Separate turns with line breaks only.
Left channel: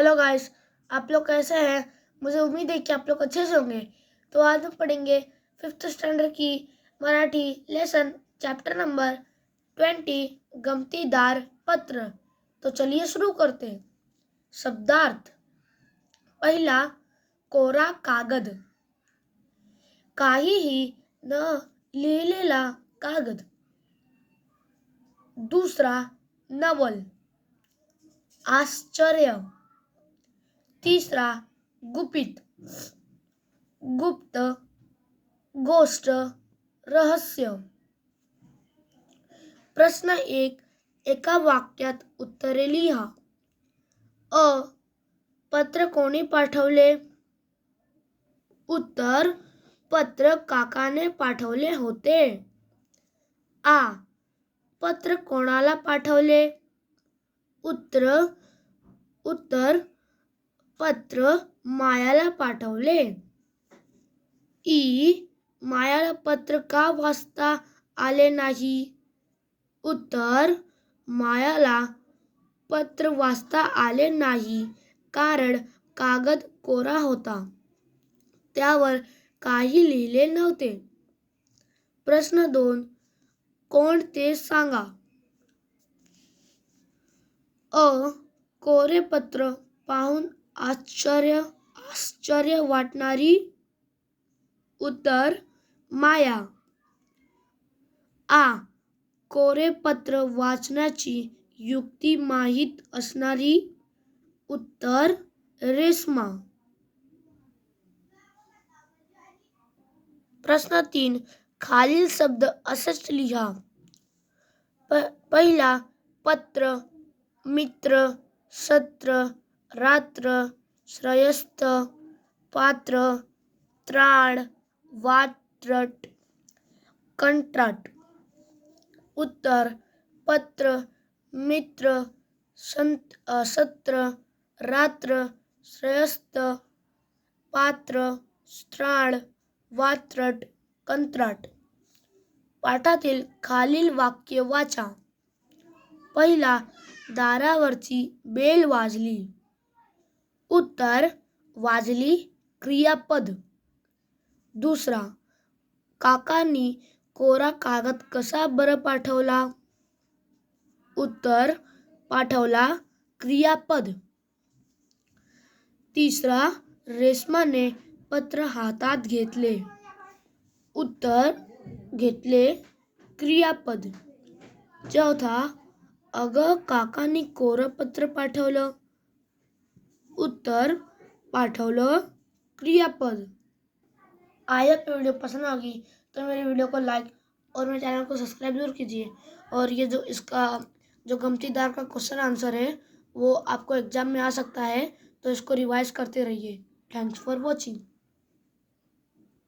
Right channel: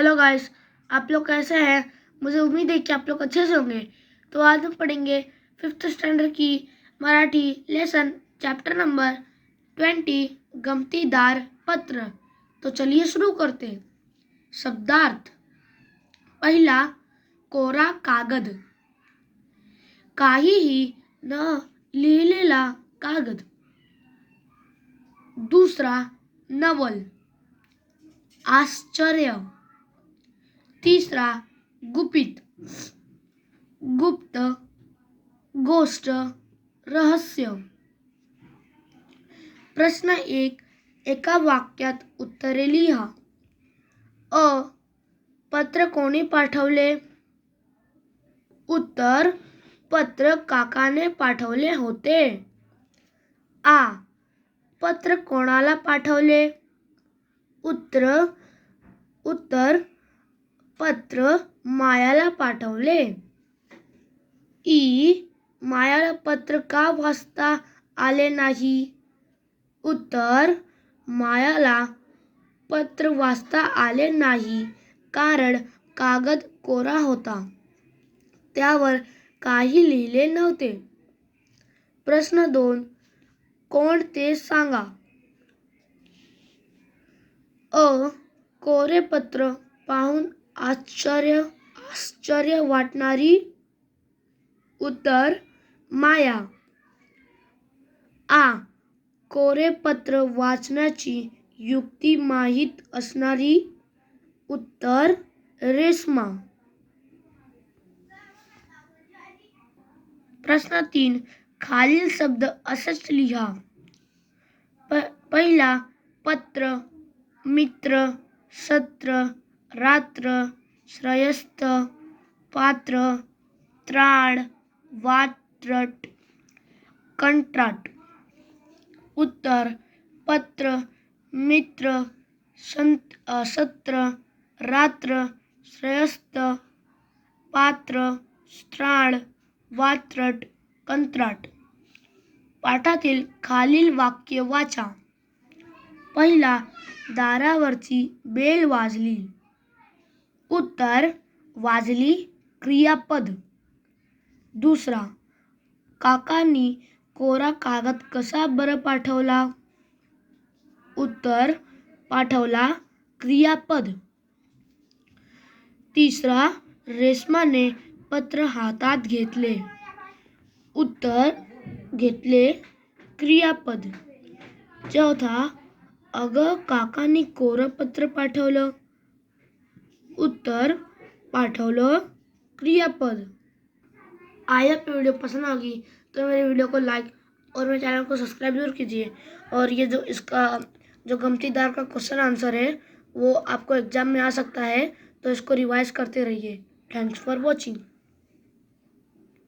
Hello guys आप लोग कैसे हैं? मुझे उम्मीद है कि आप लोग अच्छे से होंगे। तो आज हम पढ़ेंगे फिफ्थ स्टैंडर्ड की Marathi lesson chapter number twenty गमतीदार पत्र। तो चलिए शुरू करते हैं। शब्दार्थ। पहिला, कोरा कागद। काहीही न लिहिलेला कागद। दूसरा, नवल। आश्चर्य। तिसरा गुपित। गुप्त गोष्ट रहस्य। प्रश्न एक, एका वाक्यात उत्तरे लिहा। अ, पत्र कोणी पाठवले? उत्तर, पत्र काकाने पाठवले होते. आ, पत्र कोणाला पाठवले? उत्तर उत्तर पत्र मायाला पाठवले. ई मायाला पत्र का वाचता आले नाही? उत्तर मायाला पत्र वाचता आले नाही कारण कागद कोरा होता. त्यावर काही लिहिले नव्हते. प्रश्न दोन कोण ते सांगा? अ कोरे पत्र पाहून आश्चर्य आश्चर्य वाटणारी उत्तर माया. आ कोरे पत्र वाचण्याची युक्ती माहीत असणारी उत्तर रेस्मा. प्रश्न तीन खालील शब्द असंच लिहा. प पहिला पत्र मित्र सत्र रात्र श्रयस्त पात्र त्राण वात्रट कंत्राट. उत्तर पत्र मित्र संत सत्र रात्र श्रयस्त पात्र स्त्राण वात्रट कंत्राट. पाठातील खालील वाक्य वाचा. पहिला दारावरची बेल वाजली. उत्तर वाजली क्रियापद। दुसरा, काकांनी कोरा कागद कसा बरं पाठवला? उत्तर, पाठवला क्रियापद. तिसरा, रेशमाने पत्र हातात घेतले. उत्तर, घेतले क्रियापद. चौथा, अगं काकांनी कोरं पत्र पाठवलं. उत्तर पाठवलं क्रियापद. आया पे वीडियो पसंद आ गई तो मेरे वीडियो को लाइक और मेरे चैनल को सब्सक्राइब ज़रूर कीजिए। और ये जो इसका, जो गमतीदार का क्वेश्चन आंसर है, वो आपको एग्ज़ाम में आ सकता है तो इसको रिवाइज करते रहिए। Thanks for watching